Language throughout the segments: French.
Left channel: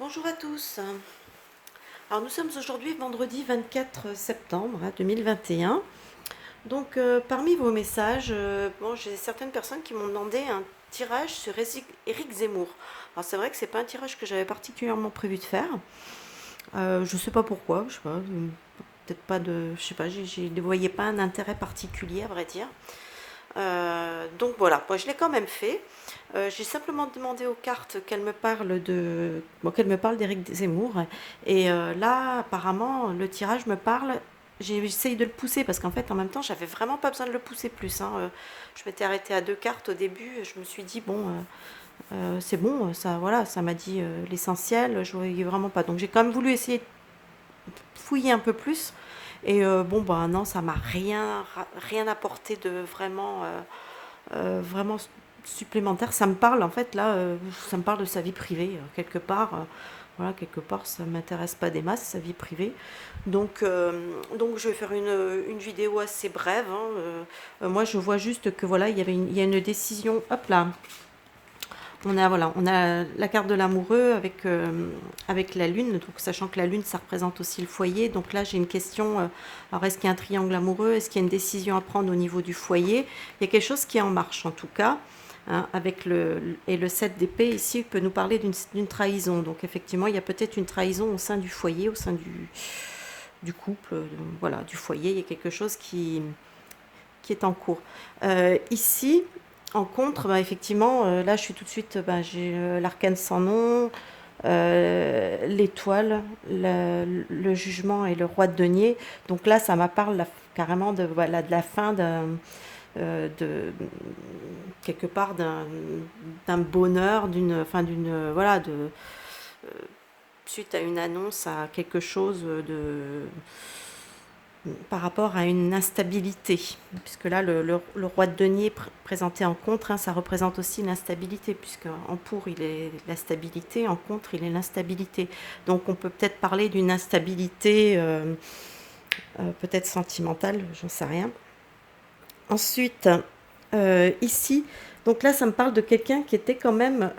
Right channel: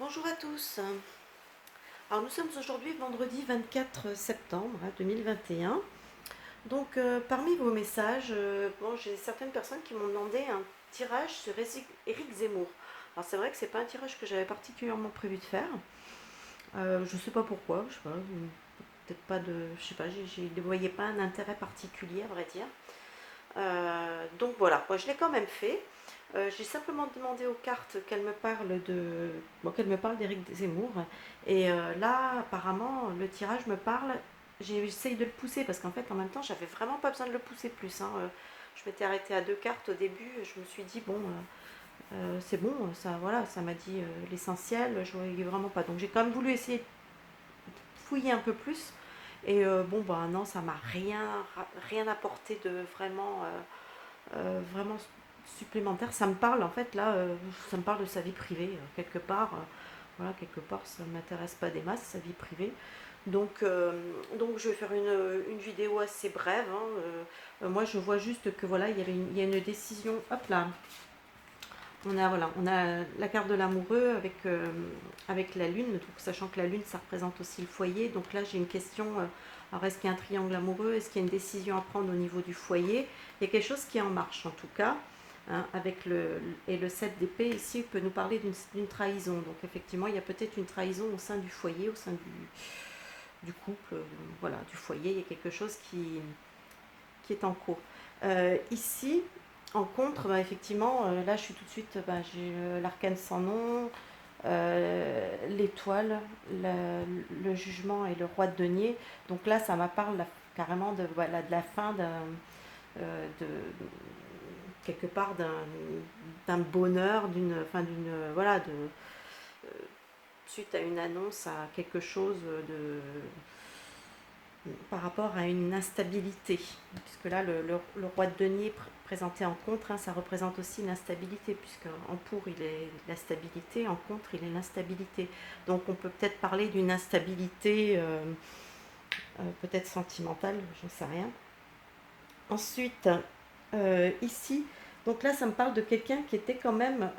Bonjour à tous. Alors nous sommes aujourd'hui vendredi 24 septembre 2021. Donc parmi vos messages, bon, j'ai certaines personnes qui m'ont demandé un tirage sur Éric Zemmour. Alors c'est vrai que c'est pas un tirage que j'avais particulièrement prévu de faire. Je sais pas pourquoi, je sais pas, peut-être pas de, je sais pas, ne voyais pas un intérêt particulier à vrai dire. Donc voilà, moi je l'ai quand même fait. J'ai simplement demandé aux cartes qu'elles me parlent qu'elles me parlent d'Éric Zemmour. Et là, apparemment, le tirage me parle. J'essaye de le pousser parce qu'en fait, en même temps, j'avais vraiment pas besoin de le pousser plus, hein. Je m'étais arrêtée à deux cartes au début. Je me suis dit bon, c'est bon, ça, voilà, ça m'a dit l'essentiel. Je voyais vraiment pas. Donc j'ai quand même voulu essayer de fouiller un peu plus. Et bon, bah non, ça m'a rien apporté de vraiment supplémentaire. Ça me parle en fait là, ça me parle de sa vie privée quelque part. Voilà, quelque part, ça ne m'intéresse pas des masses, sa vie privée. Donc je vais faire une vidéo assez brève, hein. Moi, je vois juste que voilà, il y a une décision. Hop là, on a la carte de l'amoureux avec la lune, donc sachant que la lune, ça représente aussi le foyer. Donc là, j'ai une question. Alors, est-ce qu'il y a un triangle amoureux? Est-ce qu'il y a une décision à prendre au niveau du foyer? Il y a quelque chose qui est en marche, en tout cas. Hein, et le 7 d'épée ici peut nous parler d'une trahison. Donc effectivement, il y a peut-être une trahison au sein du foyer, au sein du couple, voilà, du foyer. Il y a quelque chose qui est en cours. Ici, en contre, bah, effectivement, là, je suis tout de suite, bah, j'ai l'arcane sans nom, l'étoile, le jugement et le roi de denier. Donc là, ça m'apparle carrément de, voilà, de la fin de quelque part d'un bonheur, voilà, suite à une annonce, à quelque chose par rapport à une instabilité, puisque là, le roi de denier présenté en contre, hein, ça représente aussi l'instabilité, puisque en pour, il est la stabilité, en contre, il est l'instabilité. Donc on peut peut-être parler d'une instabilité peut-être sentimentale, j'en sais rien. Ensuite, ici, donc là, ça me parle de quelqu'un qui était quand même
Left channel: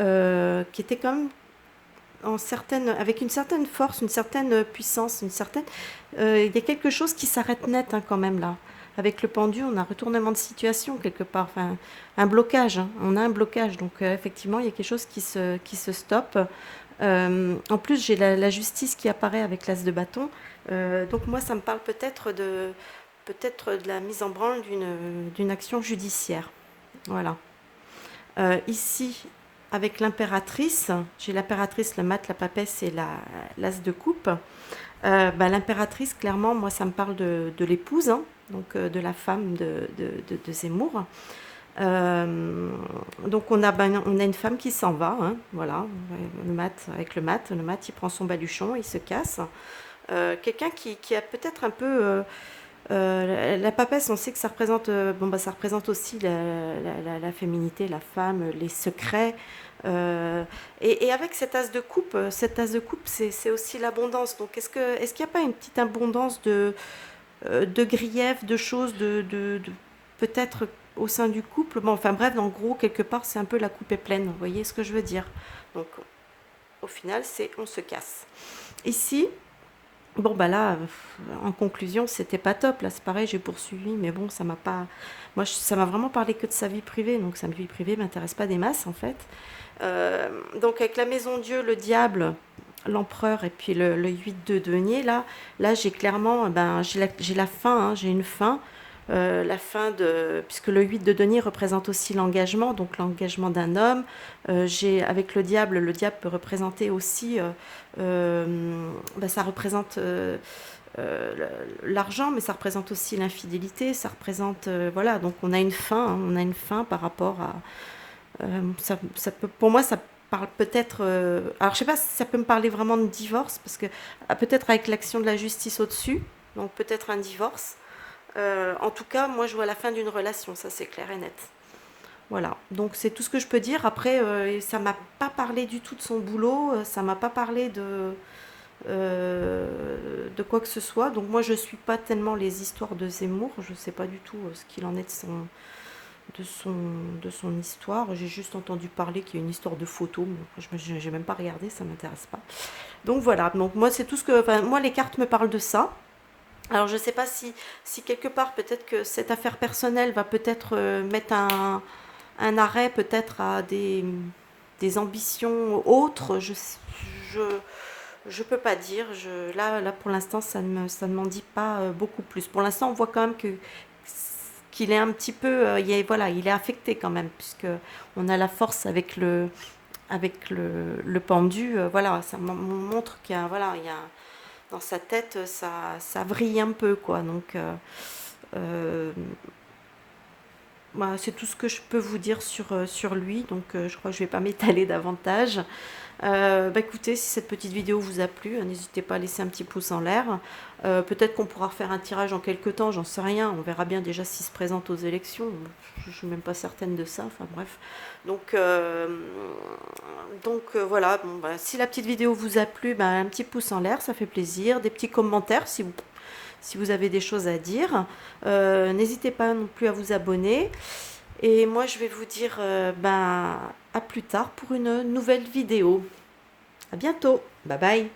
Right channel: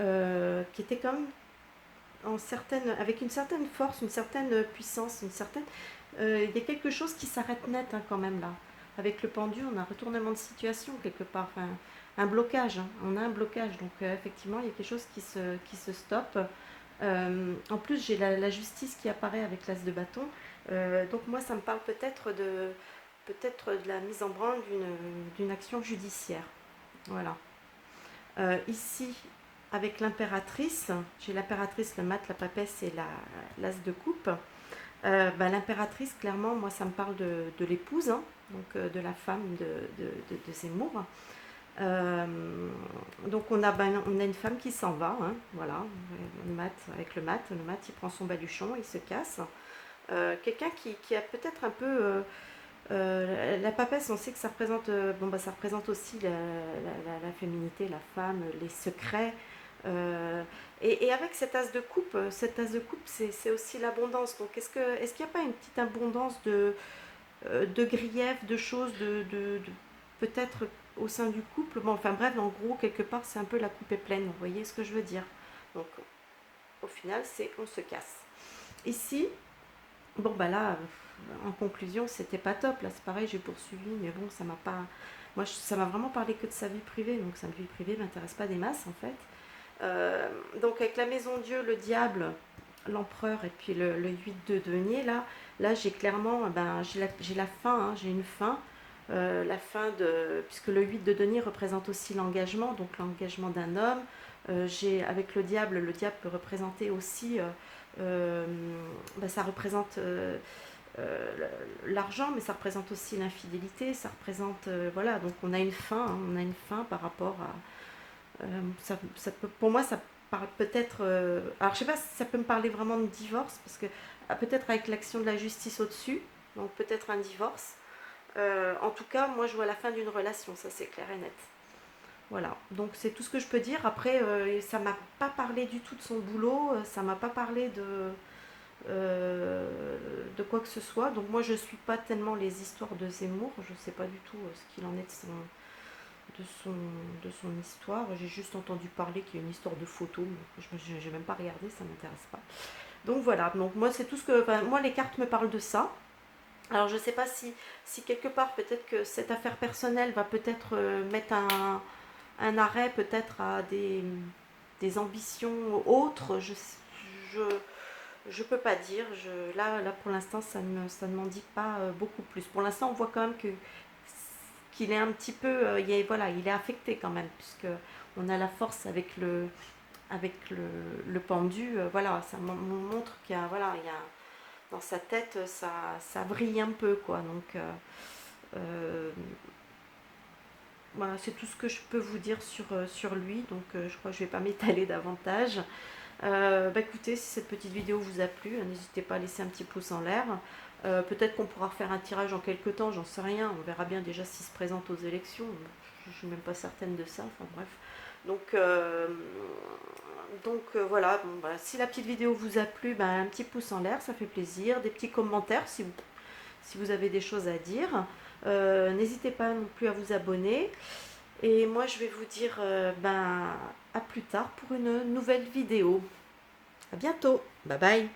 avec une certaine force, une certaine puissance, il y a quelque chose qui s'arrête net, hein, quand même là. Avec le pendu, on a un retournement de situation quelque part, enfin un blocage, hein. On a un blocage, donc effectivement il y a quelque chose qui se stoppe. En plus j'ai la justice qui apparaît avec l'as de bâton. Donc moi ça me parle peut-être de la mise en branle d'une action judiciaire. Voilà. Ici, avec l'impératrice, j'ai l'impératrice, le mat, la papesse et l'as de coupe. Bah, l'impératrice, clairement, moi, ça me parle de l'épouse, hein, donc de la femme de Zemmour. Donc on a une femme qui s'en va, hein, voilà, le mat, il prend son baluchon, il se casse. Quelqu'un qui a peut-être un peu la papesse, on sait que ça représente, bon, bah, ça représente aussi la féminité, la femme, les secrets. Euh, et avec cet as de coupe, c'est aussi l'abondance. Donc est-ce qu'il n'y a pas une petite abondance de griefs, de choses, peut-être au sein du couple? Bon, enfin bref, en gros, quelque part, c'est un peu la coupe est pleine. Vous voyez ce que je veux dire? Donc au final, c'est on se casse. Ici, bon, bah là, en conclusion, c'était pas top. Là, c'est pareil, j'ai poursuivi, mais bon, ça m'a pas. Moi, ça m'a vraiment parlé que de sa vie privée, donc sa vie privée m'intéresse pas des masses, en fait. Donc, avec la maison Dieu, le diable, l'empereur et puis le 8 de denier, là j'ai clairement, ben, j'ai la fin, hein, j'ai une fin. La fin de. Puisque le 8 de denier représente aussi l'engagement, donc l'engagement d'un homme. Avec le diable peut représenter aussi. Ben, ça représente euh, l'argent, mais ça représente aussi l'infidélité. Ça représente. Voilà, donc on a une fin, hein, on a une fin par rapport à. Pour moi, ça parle peut-être. Alors, je sais pas si ça peut me parler vraiment de divorce, parce que peut-être avec l'action de la justice au-dessus, donc peut-être un divorce. En tout cas, moi, je vois la fin d'une relation, ça c'est clair et net. Voilà, donc c'est tout ce que je peux dire. Après, ça m'a pas parlé du tout de son boulot, ça m'a pas parlé de quoi que ce soit. Donc moi, je suis pas tellement les histoires de Zemmour, je sais pas du tout ce qu'il en est de son, de son histoire. J'ai juste entendu parler qu'il y a une histoire de photo, mais je n'ai même pas regardé, ça m'intéresse pas. Donc voilà, donc moi c'est tout ce que... Enfin, moi les cartes me parlent de ça. Alors je ne sais pas si quelque part peut-être que cette affaire personnelle va peut-être mettre un arrêt peut-être à des ambitions autres. Je, je peux pas dire. Là pour l'instant, ça ne m'en dit pas beaucoup plus. Pour l'instant, on voit quand même qu'il est un petit peu, voilà, il est affecté quand même, puisque on a la force avec le pendu. Voilà, ça montre qu'il y a, voilà, il y a dans sa tête, ça vrille un peu, quoi. Donc, euh, voilà, c'est tout ce que je peux vous dire sur lui. Donc, je crois que je vais pas m'étaler davantage. Bah écoutez, si cette petite vidéo vous a plu, n'hésitez pas à laisser un petit pouce en l'air. Peut-être qu'on pourra refaire un tirage en quelques temps, j'en sais rien. On verra bien déjà s'il se présente aux élections. Je ne suis même pas certaine de ça. Enfin bref. Donc, voilà, bon, bah, si la petite vidéo vous a plu, bah, un petit pouce en l'air, ça fait plaisir. Des petits commentaires si vous avez des choses à dire. N'hésitez pas non plus à vous abonner. Et moi, je vais vous dire ben, à plus tard pour une nouvelle vidéo. À bientôt. Bye bye.